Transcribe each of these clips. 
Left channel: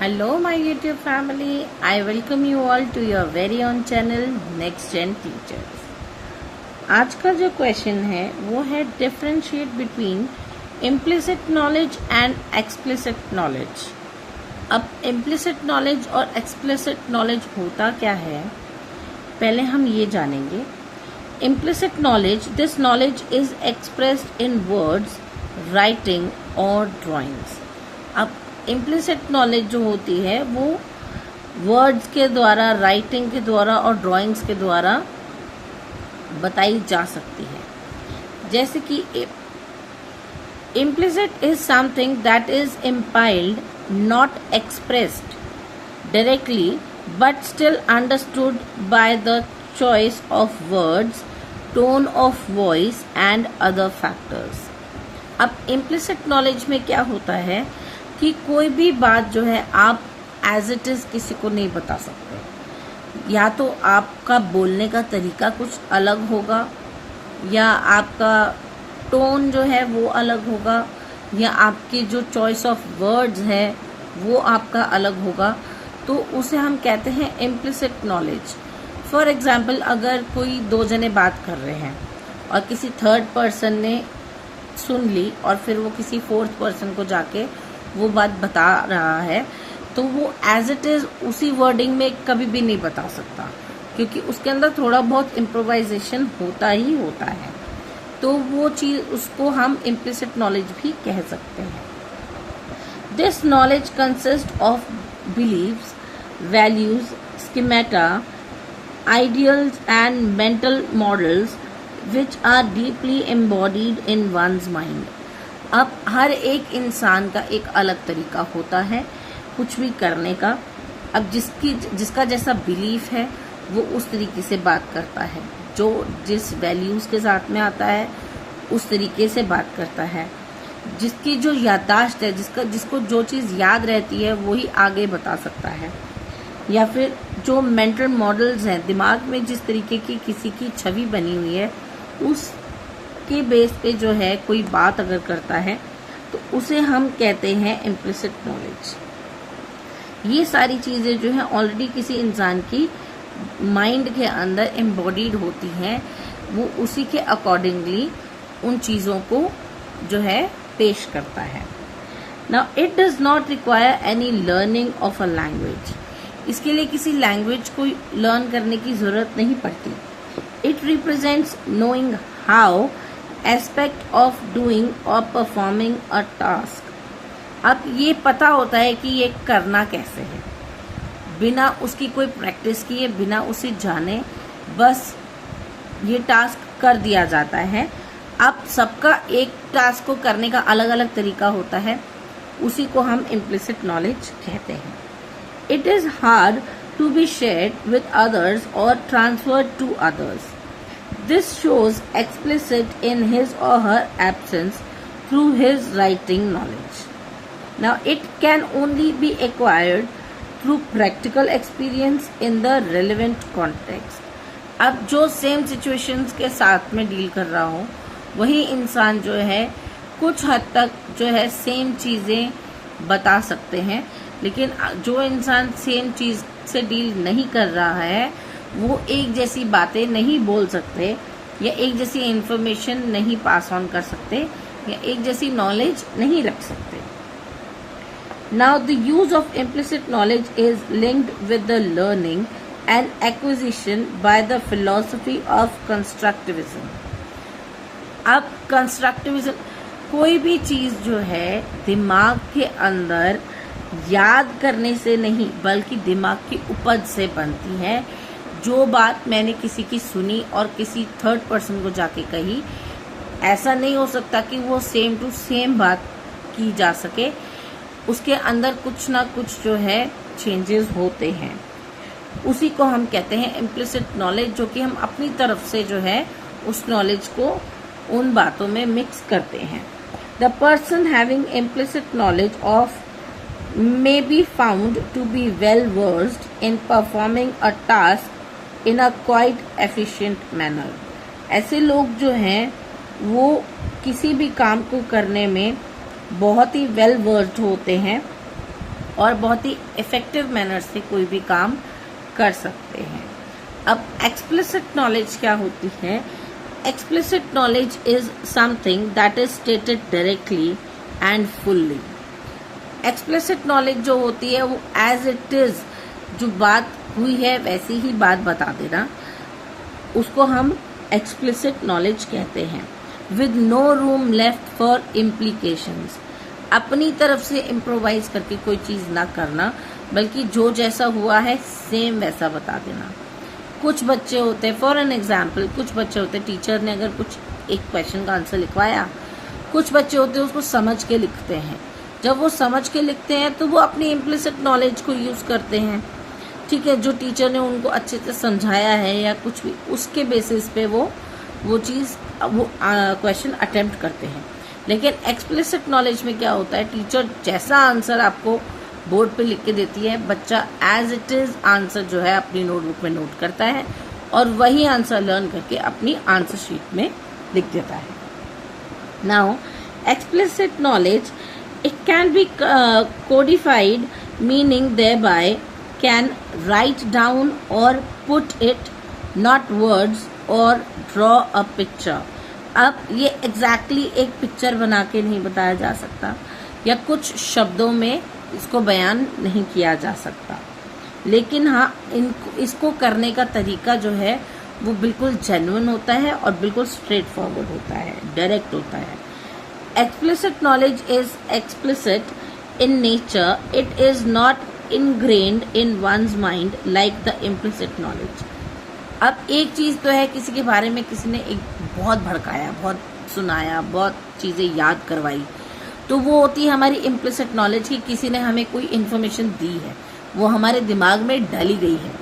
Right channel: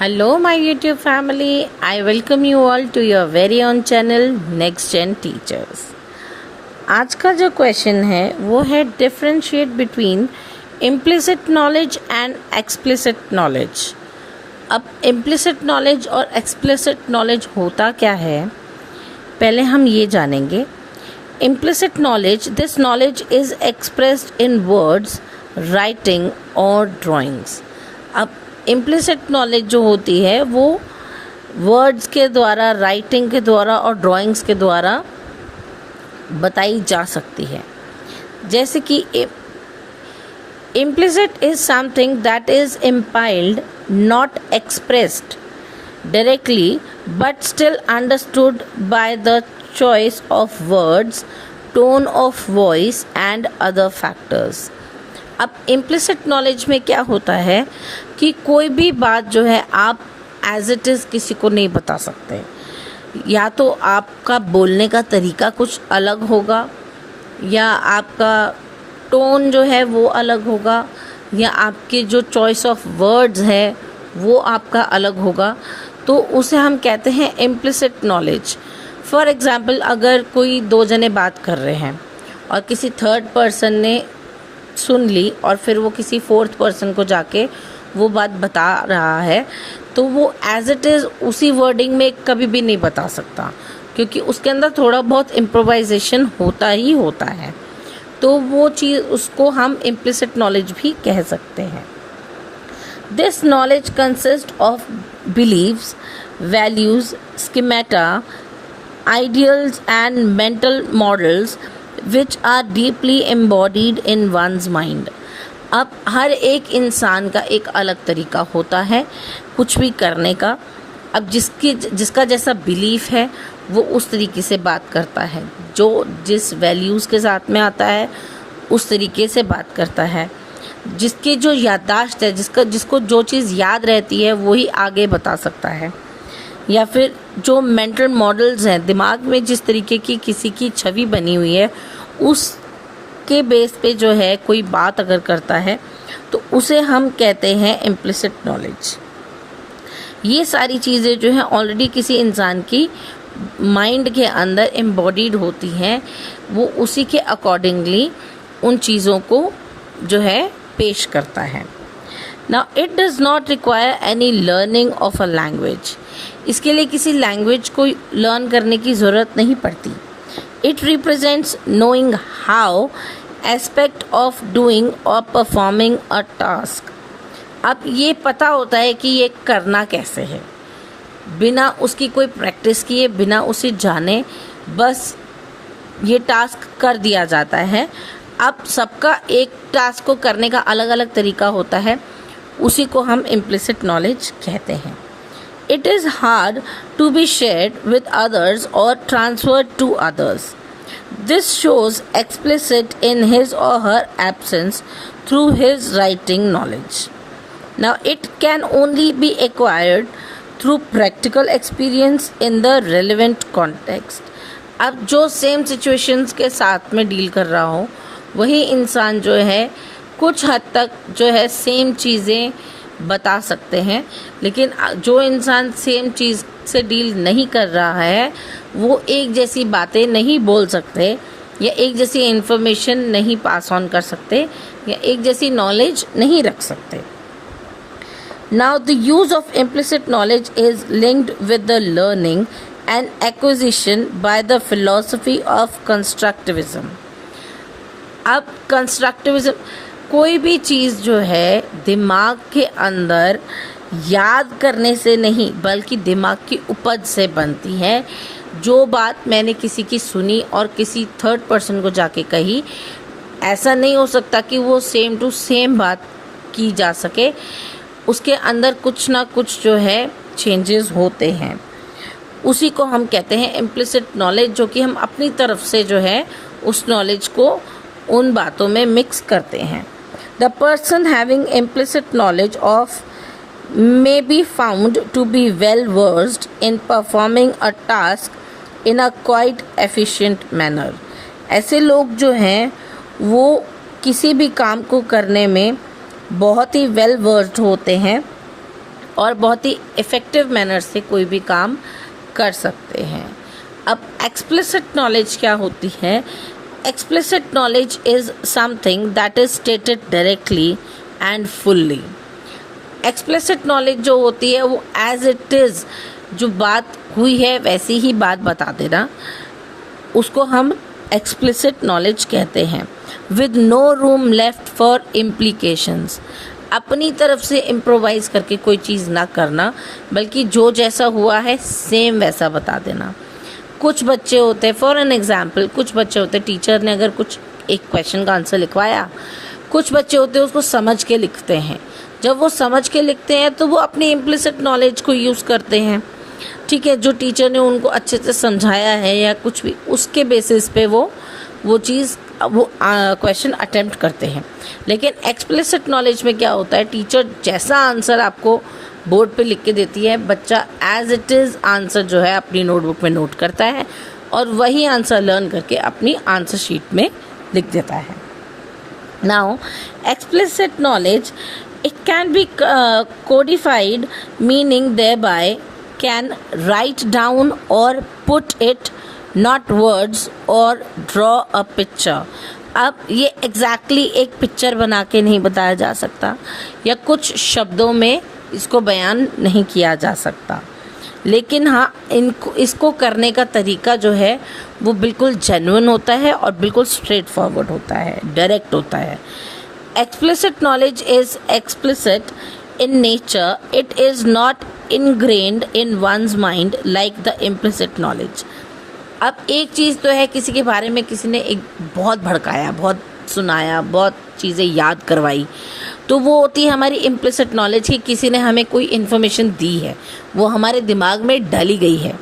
Hello, my YouTube family. I welcome you all to your very own channel Next Gen Teachers. आज का जो question है वो है differentiate between implicit knowledge and explicit knowledge. अब implicit knowledge और explicit knowledge होता क्या है, पहले हम ये जानेंगे। Implicit knowledge, this knowledge is expressed in words, writing और ड्राइंग्स। अब इम्प्लिसिट नॉलेज जो होती है वो वर्ड्स के द्वारा, राइटिंग के द्वारा और ड्राइंग्स के द्वारा बताई जा सकती है। जैसे कि implicit is something that is implied, not expressed directly but still understood by the choice of words, tone of voice and other factors. अब इम्प्लिसिट नॉलेज में क्या होता है कि कोई भी बात जो है आप एज इट इज़ किसी को नहीं बता सकते। या तो आपका बोलने का तरीका कुछ अलग होगा, या आपका टोन जो है वो अलग होगा, या आपके जो चॉइस ऑफ वर्ड्स है वो आपका अलग होगा, तो उसे हम कहते हैं इम्प्लिसिट नॉलेज। फॉर एग्ज़ाम्पल, अगर कोई दो जने बात कर रहे हैं और किसी थर्ड पर्सन ने सुन ली और फिर वो किसी फोर्थ पर्सन को जाके वो बात बता रहा है, तो वो एज इट इज़ उसी वर्डिंग में कभी भी नहीं बता सकता, क्योंकि उसके अंदर थोड़ा बहुत इम्प्रोवाइजेशन होता ही होता है। तो वो चीज़, उसको हम इम्प्लिसिट नॉलेज भी कह सकते हैं। This knowledge consist of beliefs, values, schemata, ideals and mental models which are deeply embodied in one's mind। अब हर एक इंसान का एक अलग तरीका होता है कुछ भी करने का। अब जिसका जैसा बिलीफ है वो उस तरीके से बात करता है, जो जिस वैल्यूज़ के साथ में आता है उस तरीके से बात करता है। जिसकी जो याददाश्त है, जिसको जो चीज़ याद रहती है वही आगे बता सकता है। या फिर जो मेंटल मॉडल्स हैं, दिमाग में जिस तरीके की किसी की छवि बनी हुई है उसके बेस पे जो है कोई बात अगर करता है तो उसे हम कहते हैं इम्प्लिसिट नॉलेज। ये सारी चीज़ें जो है ऑलरेडी किसी इंसान की माइंड के अंदर एम्बॉडीड होती हैं, वो उसी के अकॉर्डिंगली उन चीज़ों को जो है पेश करता है। Now it does not require any learning of a language. इसके लिए किसी लैंग्वेज को लर्न करने की ज़रूरत नहीं पड़ती। It represents knowing how aspect of doing और परफॉर्मिंग अ टास्क। अब ये पता होता है कि ये करना कैसे है, बिना उसकी कोई प्रैक्टिस किए, बिना उसे जाने, बस ये टास्क कर दिया जाता है। अब सबका एक टास्क को करने का अलग अलग तरीका होता है, उसी को हम इम्प्लिसिट नॉलेज कहते हैं। It is hard to be shared with others or transferred to others. This shows explicit in his or her absence through his writing knowledge. Now, it can only be acquired through practical experience in the relevant context. अब जो same situations के साथ में deal कर रहा हो वही इंसान जो है कुछ हद तक जो है सेम चीज़ें बता सकते हैं, लेकिन जो इंसान सेम चीज़ से डील नहीं कर रहा है वो एक जैसी बातें नहीं बोल सकते, या एक जैसी इन्फॉर्मेशन नहीं पास ऑन कर सकते, या एक जैसी नॉलेज नहीं रख सकते। Now the use of implicit knowledge is linked with the learning and acquisition by the philosophy of constructivism. अब कंस्ट्रक्टिविज्म, कोई भी चीज़ जो है दिमाग के अंदर याद करने से नहीं बल्कि दिमाग की उपज से बनती है। जो बात मैंने किसी की सुनी और किसी थर्ड पर्सन को जाके कही, ऐसा नहीं हो सकता कि वो सेम टू सेम बात की जा सके, उसके अंदर कुछ ना कुछ जो है चेंजेस होते हैं। उसी को हम कहते हैं इम्प्लिसिट नॉलेज, जो कि हम अपनी तरफ से जो है उस नॉलेज को उन बातों में मिक्स करते हैं। The person having implicit knowledge of may be found to be well versed in performing a task in a quite efficient manner। ऐसे लोग जो हैं वो किसी भी काम को करने में बहुत ही वेल वर्स्ड होते हैं और बहुत ही इफ़ेक्टिव मैनर से कोई भी काम कर सकते हैं। अब एक्सप्लिसिट नॉलेज क्या होती है? Explicit knowledge is something that is stated directly and fully. Explicit knowledge जो होती है वो एज इट इज़, जो बात हुई है वैसी ही बात बता देना, उसको हम एक्सप्लिसिट नॉलेज कहते हैं। With no room left for implications, अपनी तरफ से इम्प्रोवाइज करके कोई चीज़ ना करना, बल्कि जो जैसा हुआ है सेम वैसा बता देना। कुछ बच्चे होते हैं, फॉर एन एग्जाम्पल, कुछ बच्चे होते हैं, टीचर ने अगर कुछ एक क्वेश्चन का आंसर लिखवाया, कुछ बच्चे होते हैं उसको समझ के लिखते हैं। जब वो समझ के लिखते हैं तो वो अपनी इम्प्लिसिट नॉलेज को यूज़ करते हैं, ठीक है, जो टीचर ने उनको अच्छे से समझाया है या कुछ भी, उसके बेसिस पे वो क्वेश्चन अटेम्प्ट करते हैं। लेकिन एक्सप्लिसिट नॉलेज में क्या होता है, टीचर जैसा आंसर आपको बोर्ड पे लिख के देती है, बच्चा एज इट इज़ आंसर जो है अपनी नोटबुक में नोट करता है और वही आंसर लर्न करके अपनी आंसर शीट में लिख देता है। Now explicit knowledge, it can be codified, meaning thereby can write down or put it, not words, or draw a picture. अब ये exactly एक पिक्चर बना के नहीं बताया जा सकता या कुछ शब्दों में इसको बयान नहीं किया जा सकता, लेकिन हाँ इसको करने का तरीका जो है वो बिल्कुल जेन्युइन होता है और बिल्कुल स्ट्रेट फॉरवर्ड होता है, डायरेक्ट होता है। Explicit knowledge is explicit in nature. It is not ingrained in one's mind like the implicit knowledge. अब एक चीज़ तो है, किसी के बारे में किसी ने एक बहुत भड़काया, बहुत सुनाया, बहुत चीज़ें याद करवाई, तो वो होती है हमारी इम्प्लिसिट नॉलेज कि किसी ने हमें कोई इन्फॉर्मेशन दी है, वो हमारे दिमाग में डाली गई है।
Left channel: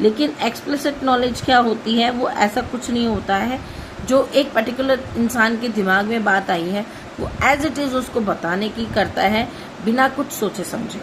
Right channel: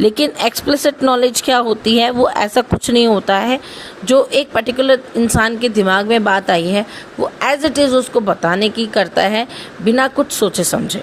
लेकिन एक्सप्लिसिट नॉलेज क्या होती है, वो ऐसा कुछ नहीं होता है, जो एक पर्टिकुलर इंसान के दिमाग में बात आई है वो एज इट इज़ उसको बताने की करता है बिना कुछ सोचे समझे।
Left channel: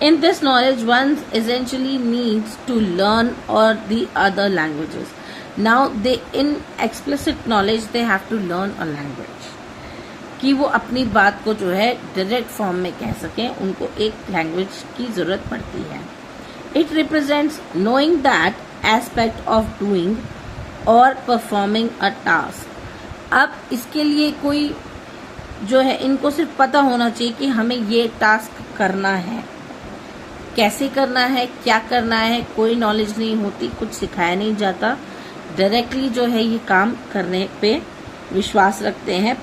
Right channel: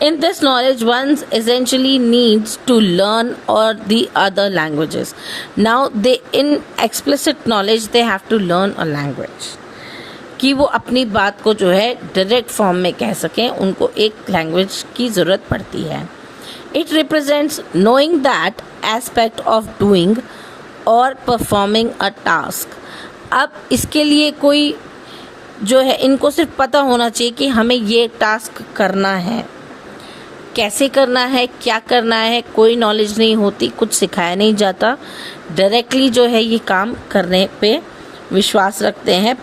In this knowledge, one essentially needs to learn or the other languages. Now, in explicit knowledge, they have to learn a language. कि वो अपनी बात को जो है डायरेक्ट फॉर्म में कह सकें, उनको एक लैंग्वेज की ज़रूरत पड़ती है। It represents knowing that aspect of doing or performing a task. अब इसके लिए कोई जो है, इनको सिर्फ पता होना चाहिए कि हमें ये टास्क करना है, कैसे करना है, क्या करना है, कोई नॉलेज नहीं होती, कुछ सिखाया नहीं जाता, डायरेक्टली जो है ये काम करने पे विश्वास रखते हैं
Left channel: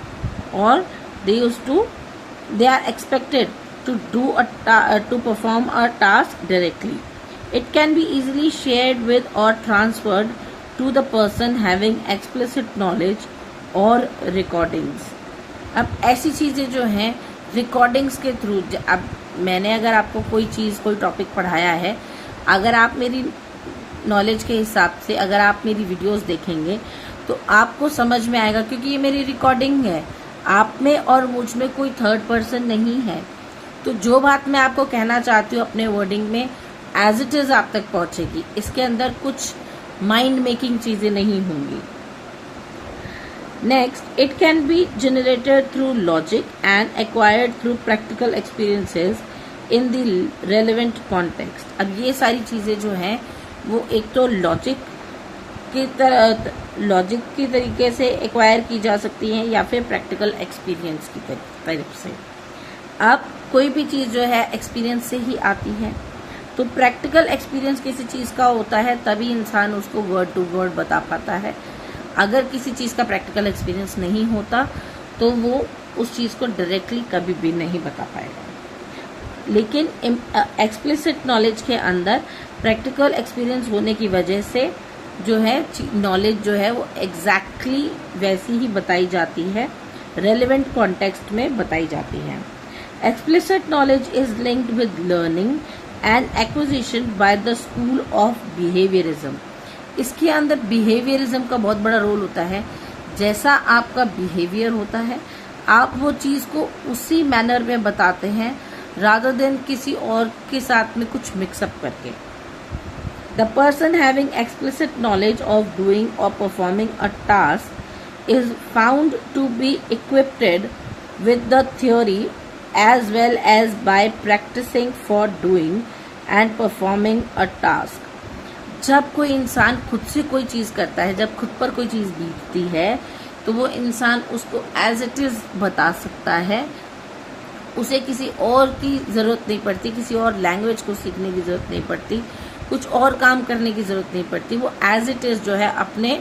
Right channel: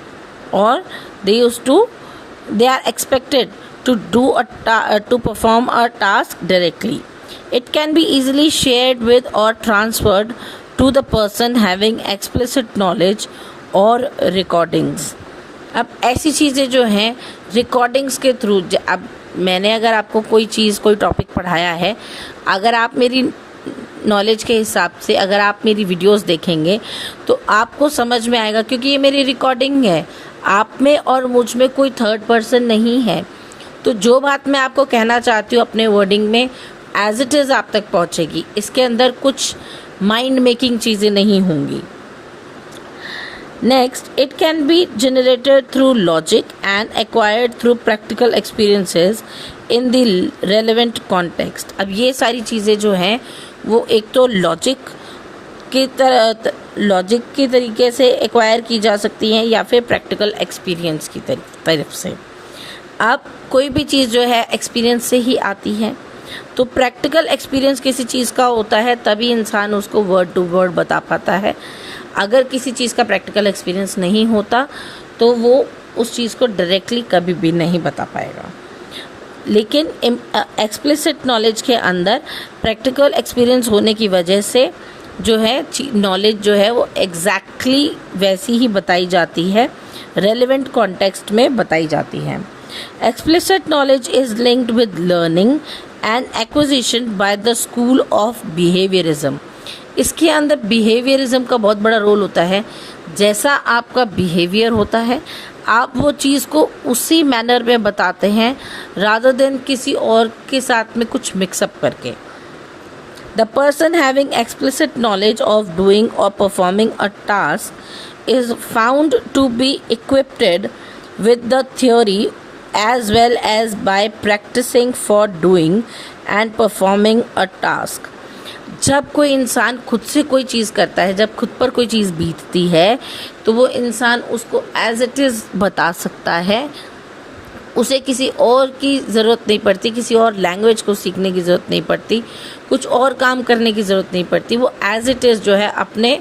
और they are expected to perform a task directly. It can be easily shared with or transferred to the person having explicit knowledge or recordings. अब ऐसी चीज़ें जो हैं रिकॉर्डिंग्स के थ्रू, अब मैंने अगर आपको कोई चीज़, कोई टॉपिक पढ़ाया है, अगर आप मेरी नॉलेज के हिसाब से अगर आप मेरी वीडियोस देखेंगे तो आपको समझ में आएगा, क्योंकि ये मेरी रिकॉर्डिंग है, आप में और मुझ में कोई थर्ड पर्सन नहीं है। तो जो बात मैं आपको कहना चाहती हूँ अपने वर्डिंग में एज इट इज़ आप तक पहुँचेगी, इसके अंदर कुछ माइंड मेकिंग चीज़ें नहीं होंगी। Next, it can be generated through logic and acquired through practical experiences in the relevant context. अब ये सारी चीज़ें जो हैं वो एक तो लॉजिक के तरीके से एक्वायर की जा सकती हैं या फिर प्रैक्टिकल एक्सपीरियंस की तरफ से। अब कोई भी चीज़ जो है एक्सपीरियंस से ही आती है, तो प्रैक्टिकल एक्सपीरियंस किसी चीज़ का होता है तभी इंसान उसको वर्ड टू वर्ड बता पाता है। अगर किसी चीज़ का प्रैक्टिकल एक्सपीरियंस नहीं होता तो वो उस चीज़ को डायरेक्टली कभी भी नहीं बता पाएगा। लेकिन एक्सप्लिसिट नॉलेज के अंदर प्रैक्टिकल एक्सपीरियंस होने की वजह से जो है नॉलेज जो है वो एग्जैक्टली वैसी ही बताई जाती है, रेलेवेंट कॉन्टेक्स्ट में बताई जाती है। Explicit knowledge is linked with learning and acquisition by the school of behaviourism. इसके अंदर बिहेवियरिज्म का बहुत बड़ा रोल होता है। जैसा आपका बिहेवियर होता है आप वो चीज़ को उसी मैनर में बताते हैं रादर देन किसी और के साथ में कुछ मिक्सअप करके। The person having explicit knowledge of doing और performing a task is found to be equipped with the theory as well as by practicing for doing and performing a task. जब कोई इंसान खुद से कोई चीज़ करता है, जब खुद पर कोई चीज़ बीतती है, तो वो इंसान उसको एज इट इज़ बता सकता है, उसे किसी और की ज़रूरत नहीं पड़ती, किसी और लैंग्वेज को सीखने की ज़रूरत नहीं पड़ती, कुछ और काम करने की ज़रूरत नहीं पड़ती। वो एज इट इज़ जो है अपने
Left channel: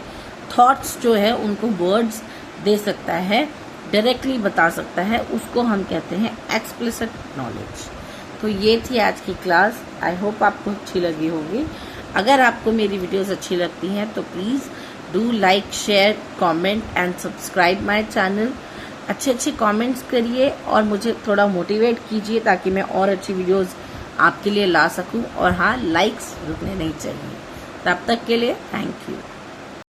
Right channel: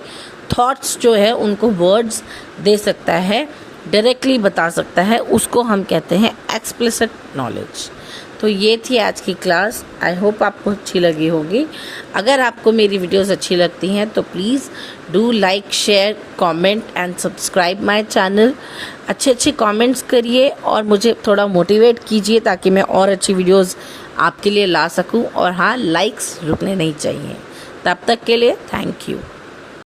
थॉट्स जो है उनको वर्ड्स दे सकता है, डायरेक्टली बता सकता है, उसको हम कहते हैं एक्सप्लिसिट नॉलेज। तो ये थी आज की क्लास। आई होप आपको अच्छी लगी होगी। अगर आपको मेरी वीडियोस अच्छी लगती हैं तो please do like, share, comment and subscribe my channel. अच्छे कमेंट्स करिए और मुझे थोड़ा मोटिवेट कीजिए ताकि मैं और अच्छी वीडियोस आपके लिए ला सकूं। और हाँ, लाइक्स रुकने नहीं चाहिए। तब तक के लिए थैंक यू।